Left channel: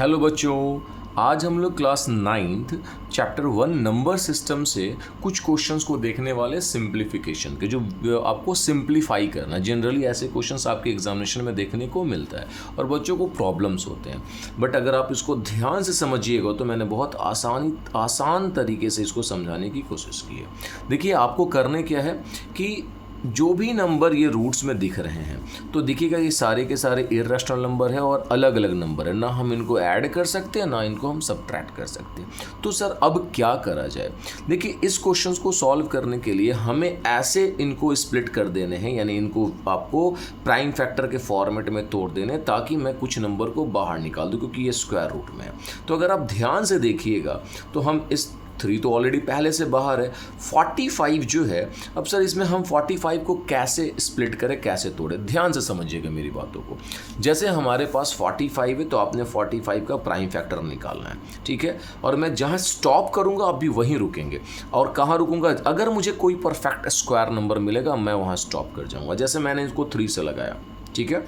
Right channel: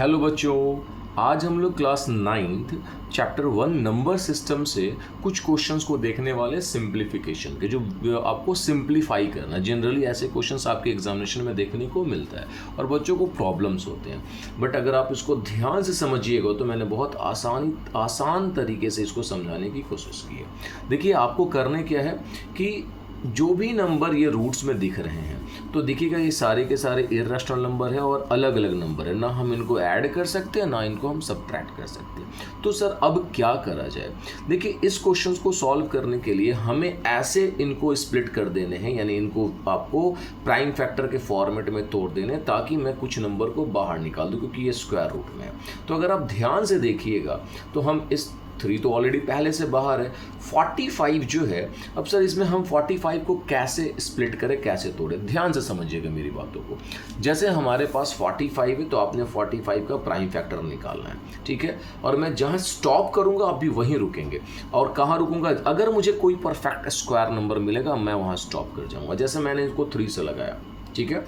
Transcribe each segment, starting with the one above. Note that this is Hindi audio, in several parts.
हेलो बच्चों, आज हम लोग class 9th chapter 1 number system से कुछ क्वेश्चंस को देखने वाले सिंप्लीफिकेशन के, जो आपको सिंप्लीफाई करना। जनरली ऐसे क्वेश्चंस आपके एग्जामिनेशन में देखने को मिलता है और बच्चों को प्रॉब्लम्स होते हैं, बट अगर आप इसको ध्यान से समझिएगा तो मैंने बहुत आसान तरीके से इसको समझाने की कोशिश की है। देखिए, आपको करने क्या है कि जो भी नंबर ये रूट्स में दिख रहे हैं तो दिखेगा ये सारे के सारे इर्रेशनल नंबर हैं और अलग अलग नंबर है, ना हम इनको ऐड कर सकते हैं ना इनको हम सबट्रैक्ट कर सकते हैं। तो सर अब क्या करा जाए? देखिए, इस क्वेश्चंस को सॉल्व करने के लिए हमें ऐसे इनको स्प्लिट कर देने हैं, यानी इनको आपको प्राइम फैक्टर के फॉर्मेट में तोड़ देने ताकि मैं कुछ नंबर को बाहर निकाल दूं, क्योंकि ये स्क्वायर रूट में है। तो अगर आप ध्यान से देखिएगा तो हम इस 3 तो ऑलरेडी पहले से बाहर है, 45 जो है, अब सर इसमें हम 45 को कैसे स्प्लिट करें, कैसे तोड़े? ध्यान से समझिएगा मेरी बातों को। जैसे हमारे पास 45 है तो आपने 45 का प्राइम फैक्टर निकालना है, ठीक है? और मैं जहाँ स्टॉप करूँगा आप भी वहीं रुकेंगे। और कहाँ रुकूंगा? अगर मुझे कोई परफेक्ट स्क्वायर नंबर मिलेगा मैं वहाँ स्टॉप कर जाऊँगा। जैसे मैंने इसको 3 से लगाया, ठीक है,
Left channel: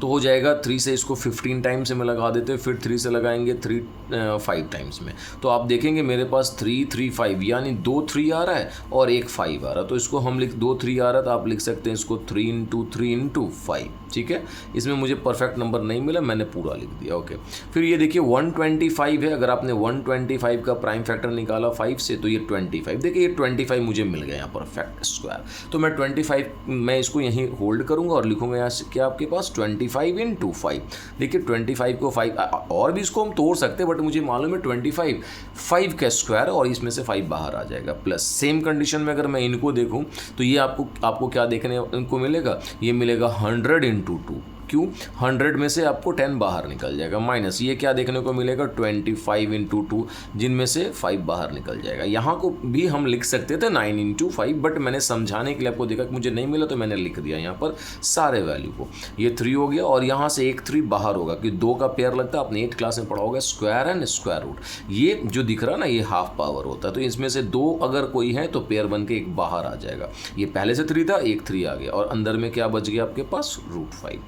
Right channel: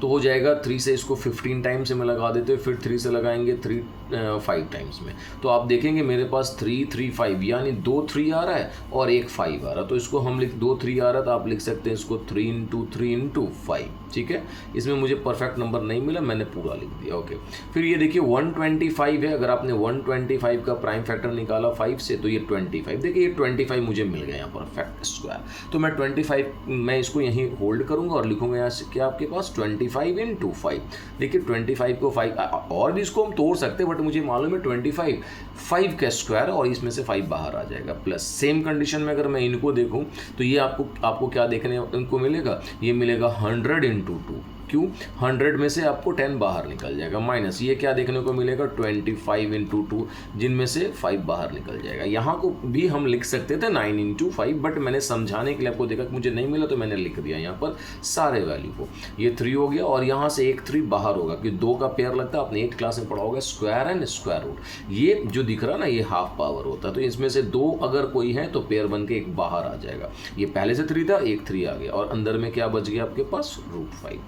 तो हो जाएगा 3 से इसको 15 टाइम्स में लगा देते हैं, फिर 3 से लगाएंगे 5 टाइम्स में, तो आप देखेंगे मेरे पास 3 3 5 यानी 2 3 आ रहा है और एक 5 आ रहा है। तो इसको हम 2 3 आ रहा था, आप लिख सकते हैं इसको 3 × 3 × 5, ठीक है? इसमें मुझे परफेक्ट नंबर नहीं मिला, मैंने पूरा लिख दिया, ओके। फिर ये देखिए 125 है, अगर आपने 125 का प्राइम फैक्टर निकाला 5 से तो ये 25, देखिए ये 25 मुझे मिल गया यहाँ परफेक्ट स्क्वायर। तो मैं 25 मैं इसको यहीं होल्ड करूँगा और लिखूँगा यहाँ से क्या आपके पास 25 × 5। देखिए 25 को 5 और भी इसको हम तोड़ सकते हैं, बट मुझे मालूम है 25 5 का स्क्वायर और इसमें से 5 बाहर आ जाएगा। प्लस सेम कंडीशन में अगर मैं इनको देखूं तो ये आपको क्या देखने इनको मिलेगा? ये मिलेगा 100 × 2। क्यों? 100 में से आपको 10 बाहर निकल जाएगा। माइनस ये क्या देखने को मिलेगा? 25 × 2, जिनमें से 5 बाहर निकल जाएगा। यहाँ को भी हम लिख सकते थे 9 × 5, बट मैंने समझाने के लिए आपको देखा कि मुझे नहीं मिला तो मैंने लिख दिया यहाँ पर सारे वैल्यू को। ये 3 हो गया और यहाँ से एक 3 बाहर होगा कि 2 का पेयर लगता है, आपने 8th क्लास में पढ़ा होगा, स्क्वायर एंड स्क्वायर रूट। ये जो दिख रहा है ना, ये हाफ पावर होता है, तो इसमें से 2 अगर कोई है तो पेयर बन के एक बाहर आ जाएगा। ये पहले से 3 था, एक 3 आ गया और अंदर में क्या बच गया आपके पास? √5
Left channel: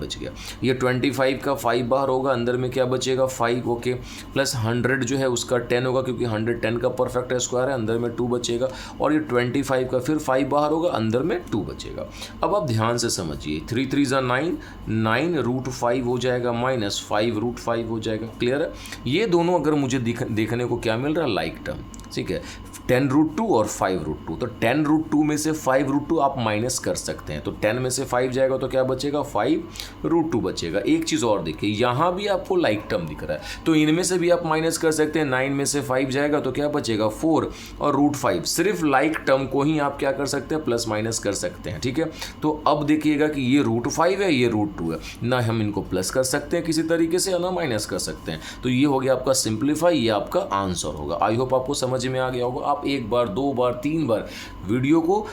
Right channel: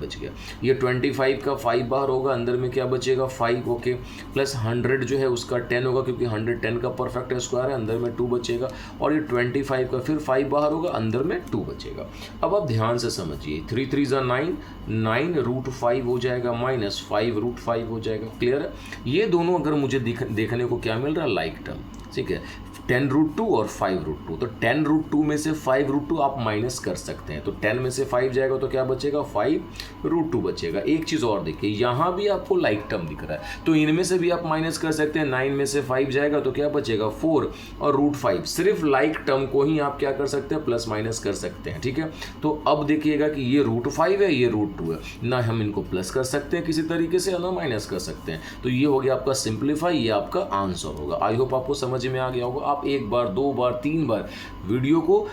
बच गया। ये 25 का 5 बाहर होगा, अंदर में क्या बचेगा? 5, ओके। प्लस 100 जो है उसका 10 होगा, क्योंकि 100 10 का परफेक्ट स्क्वायर है, अंदर में 2 बचेगा। और ये 25 का फिर 5 बाहर होगा, अंदर में 2 बचेगा। अब आप ध्यान से समझिए, 3 3 = 9, 9 √5 हो जाएगा, माइनस 5 √5 हो जाएगा। क्लियर है? ये दोनों अगर मुझे देखने को क्या मिल रहा है? लाइक टर्म, ठीक है। 10 √2 और 5 √2, तो 10 √2 में से 5 √2 आप माइनस कर सकते हैं, तो 10 में से 5 जाएगा तो क्या बचेगा? 5 √2 बचेगा। एक चीज़ और देखिए, यहाँ भी आपको लाइक टर्म दिख रहा है, तो इनमें से भी आप माइनस कर सकते हैं। 9 में से 5 जाएगा तो क्या बचेगा? 4 और √5। सिर्फ लाइक टर्म को ही आप क्या कर सकते हैं? प्लस माइनस कर सकते हैं, ठीक है। तो अब देखिएगा कि ये √5 है, ये √2 है, ना हम इनको प्लस कर सकते हैं किसी तरीके से, ना माइनस कर सकते हैं। तो ये हो गया आपका सिंप्लीफाई, ये आपका आंसर होगा। आई होप आपको समझ में आ गया होगा। आप 1 बार 2 बार 3 बार वीडियो को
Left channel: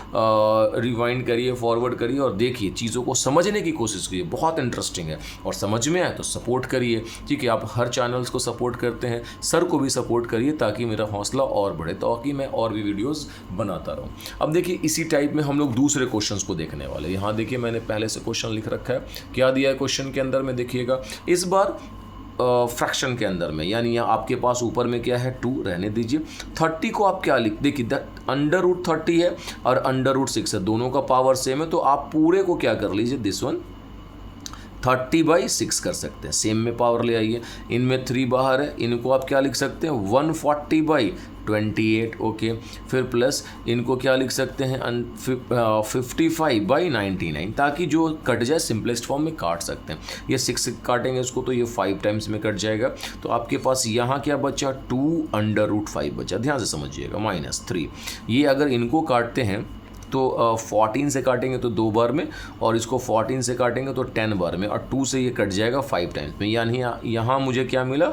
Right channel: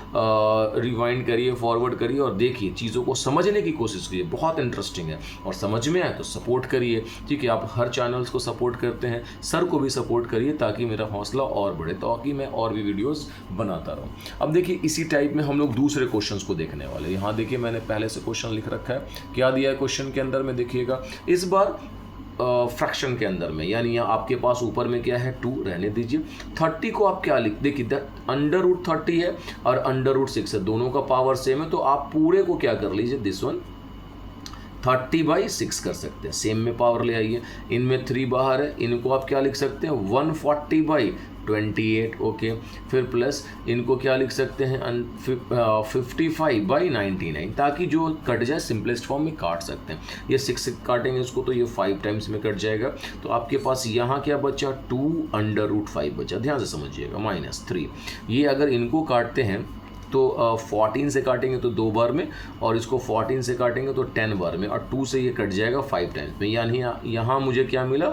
रिवाइंड करिए, फॉरवर्ड करिए और देखिए, चीज़ों को समझने की कोशिश करिए, बहुत इंटरेस्टिंग है। और समझ में आए तो सपोर्ट करिए, ठीक है। आप हर चैनल्स को सपोर्ट करते हैं, सर को भी सपोर्ट करिए ताकि मेरा हौसला और बढ़े, ताकि मैं और भी वीडियोस बनाता रहूं। अब देखिए, इसी टाइप में हम लोग दूसरे क्वेश्चंस को देखने वाले। यहाँ देखिए, मैंने पहले से क्वेश्चन लिख रखा है, क्या दिया है क्वेश्चन के अंदर में देखिएगा। इस बार फ्रैक्शन के अंदर में, यानी यहाँ आपके पास ऊपर में क्या है? 2 रहने दीजिए। 30 को आप क्या लिख, देखिए √30 है और √6 है, दोनों का पावर सेम है, तो आप पूरे को क्या कर लीजिए? दिस वन 30/6 कर सकते हैं, सेम में पावर ले आइए। इनमें 3 बाहर है, इनको आप क्या लिख सकते हैं? 140/28, ओके। फिर प्लस इनको क्या लिख सकते हैं? 55/99, ताकि जो कट जाए सिंपलेस्ट फॉर्म में काट सकते हैं। ये 6 से काटेंगे इसको तो ये 5 टाइम्स में कट जाएगा, तो आपके पास यहाँ क्या बचा? 2 √5 बचा। ध्यान से समझिएगा, -3। ये अगर इनको काटते हैं तो 14 से काटेंगे तो 2 बार में, और इसको 14 से काटेंगे तो 10 बार में, और 2 से ये कट जाएगा 5 टाइम्स में, यानी यहाँ मुझे क्या मिला?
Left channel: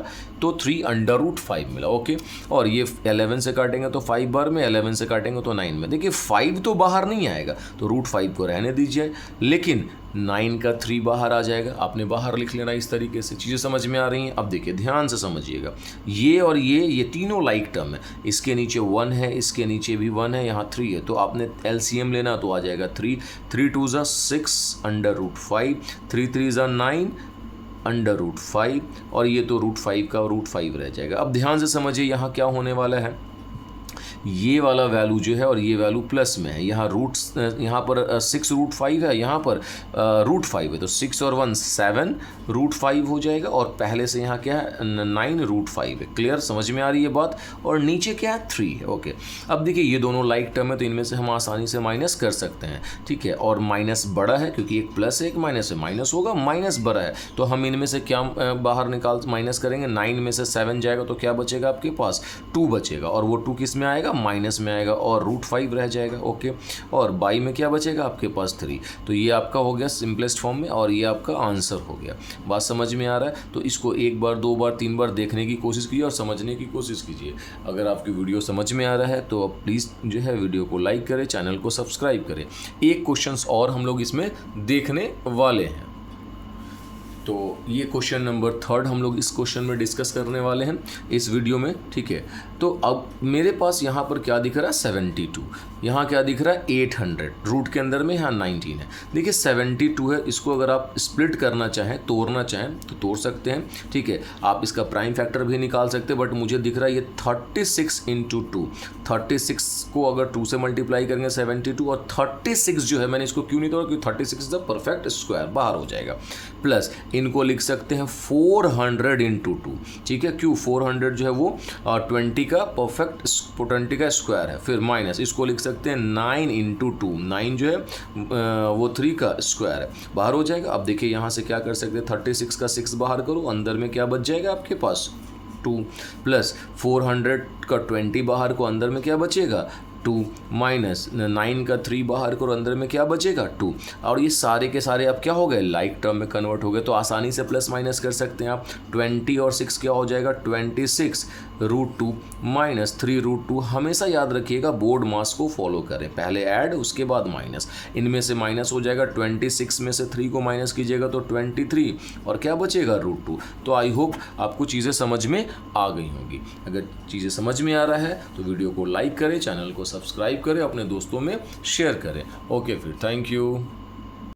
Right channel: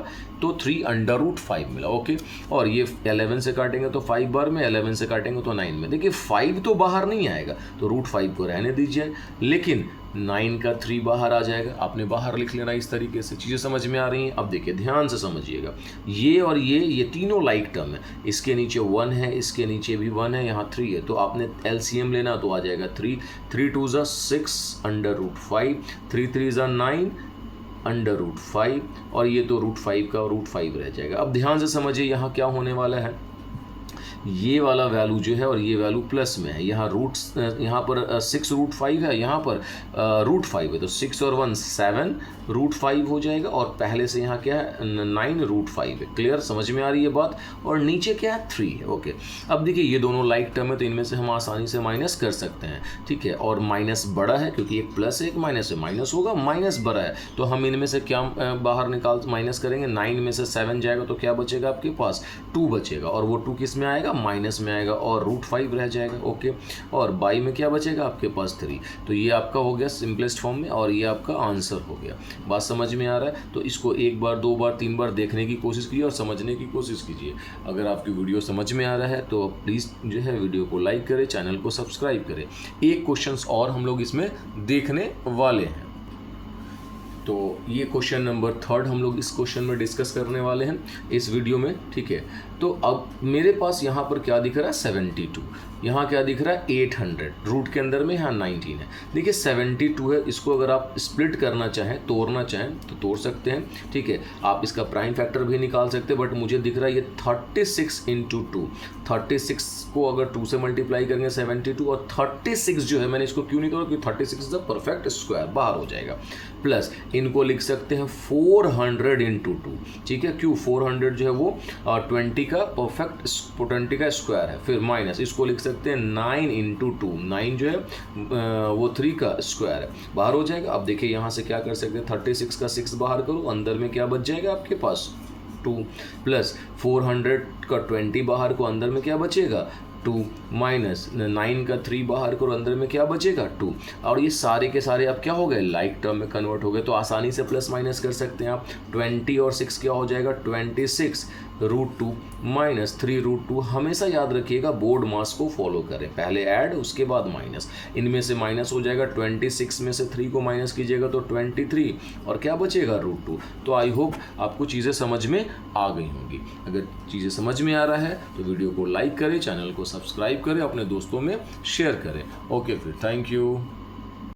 तो 3 √5 मिला, ओके। और ये 11 से काटेंगे तो 5 बार में, 11 से काटेंगे तो 9 में। देखिए 5 तो बाहर नहीं आएगा, तो √5 को रहने दीजिए, लेकिन 9 का 3 बाहर आ जाएगा, आपने बाहर लिख लेना। इस तरीके से चीज़ें समझ में आ रही हैं? अब देखिए, ध्यान से समझिएगा, ये और ये तीनों लाइक टर्म है। इसके नीचे 1 है, इसके नीचे भी 1 है, यहाँ 3 है, तो आपने LCM लेना तो आ जाएगा 3 2 = 6 √5, 3 3 = 9, √5 और ये तो √5 का √5 रह जाएगा। अब ध्यान से समझिए यहाँ क्या होने वाला है, ये वाला वैल्यू जो है और ये वैल्यू प्लस में है। यहाँ यहाँ पर 6√5 है, यहाँ पर √5 है, तो 6 और 1 7 √5 हो जाएगा और पहले से यहाँ क्या है 9 √5 है। क्लियर, समझ में आ रही है बात। और नीचे क्या है 3 है। ओके, अब देखिए ये दोनों लाइक टर्म है तो इनमें से हम आसानी से माइनस कर सकते हैं, ठीक है। और माइनस बड़ा है क्योंकि एक प्लस है एक माइनस है, माइनस होगा, माइनस बड़ा है तो हम इनमें से क्या बाहर माइनस करेंगे, 9 में से 7 जाएगा तो क्या बचेगा आपके पास 2 बचेगा और वो 2 किस में आएगा, माइनस में आएगा और √5 रह जाएगा। ओके, और बाई में क्या बचेगा आपके पास 3। तो ये आपका हो गया सिंपलेस्ट फॉर्म में और ये आपका आंसर हो गया। बात समझ में आ रहा है? तो इसको एक बार, दो बार, तीन बार देखने की कोशिश कीजिए और समझने की कोशिश कीजिए। अगर आपकी वीडियो समझ में आ रहा है तो प्लीज़ जो है वीडियो को लाइक करें, चैनल को सब्सक्राइब करें। एक क्वेश्चन और हम लोग इसमें देखने वाले हैं। तो ये क्वेश्चन नंबर 3 हम लोग इस क्वेश्चन में डिस्कस करने वाले हैं इस वीडियो में, ठीक है। तो अब मेरे पास यहाँ पर क्या दिख रहा है 72, यहाँ क्या दिख रहा है 800, रूट के अंदर में यहाँ 19 है। देखिए 72 है, इसको अगर आप स्प्लिट करना चाहें, तोड़ना चाहें तो तोड़ सकते हैं, ठीक है। आप इसका प्राइम फैक्टर भी निकाल सकते हैं, बट मुझे दिख रहा है ये 36 × 2, 36 को अगर 2 से मल्टीप्लाई करेंगे 72 और 36 जो है, मैंने इसको क्यों नहीं तोड़ा क्योंकि 36 इज द परफेक्ट स्क्वायर, बाहर हो जाएगा। प्लस इनको लिख सकते हैं 400 × 2, ठीक है। क्यों 400 जो है वो 20 का परफेक्ट 20 का स्क्वायर है। फिर माइनस इसको लिख सकते हैं 9 × 2, 9 जो है वो 3 का स्क्वायर है, बाहर हो जाएगा। अब देखिए यहाँ से क्या कर सकते हैं, 36 का 6 बाहर करो, अंदर में क्या बच जाएगा आपके पास 2, प्लस 400 का 20 बाहर को, अंदर में क्या बचेगा 2, माइनस 9 का 3 बाहर करो, अंदर में क्या बचेगा 2। और ये सारे के सारे अब क्या हो गए, लाइक टर्म में कन्वर्ट हो गए। तो आसानी से प्लस माइनस कर सकते हैं आप। 20 और 6 क्या हो जाएगा 26 √2 माइनस 3 √2। हमेशा याद रखिएगा बोर्ड मास को फॉलो करें, पहले ऐड उसके बाद माइनस। इनमें से माइनस हो जाएगा, 26 में से 3 को माइनस कीजिएगा तो 23 और क्या बचेगा √2। तो आई होप आपको चीज़ें समझ में आ गई होंगी। अगर चीज़ें समझ में आ रहा है तो वीडियो को लाइक करें, चैनल को सब्सक्राइब करें, अपने दोस्तों में शेयर करें। ओके, फिर थैंक यू।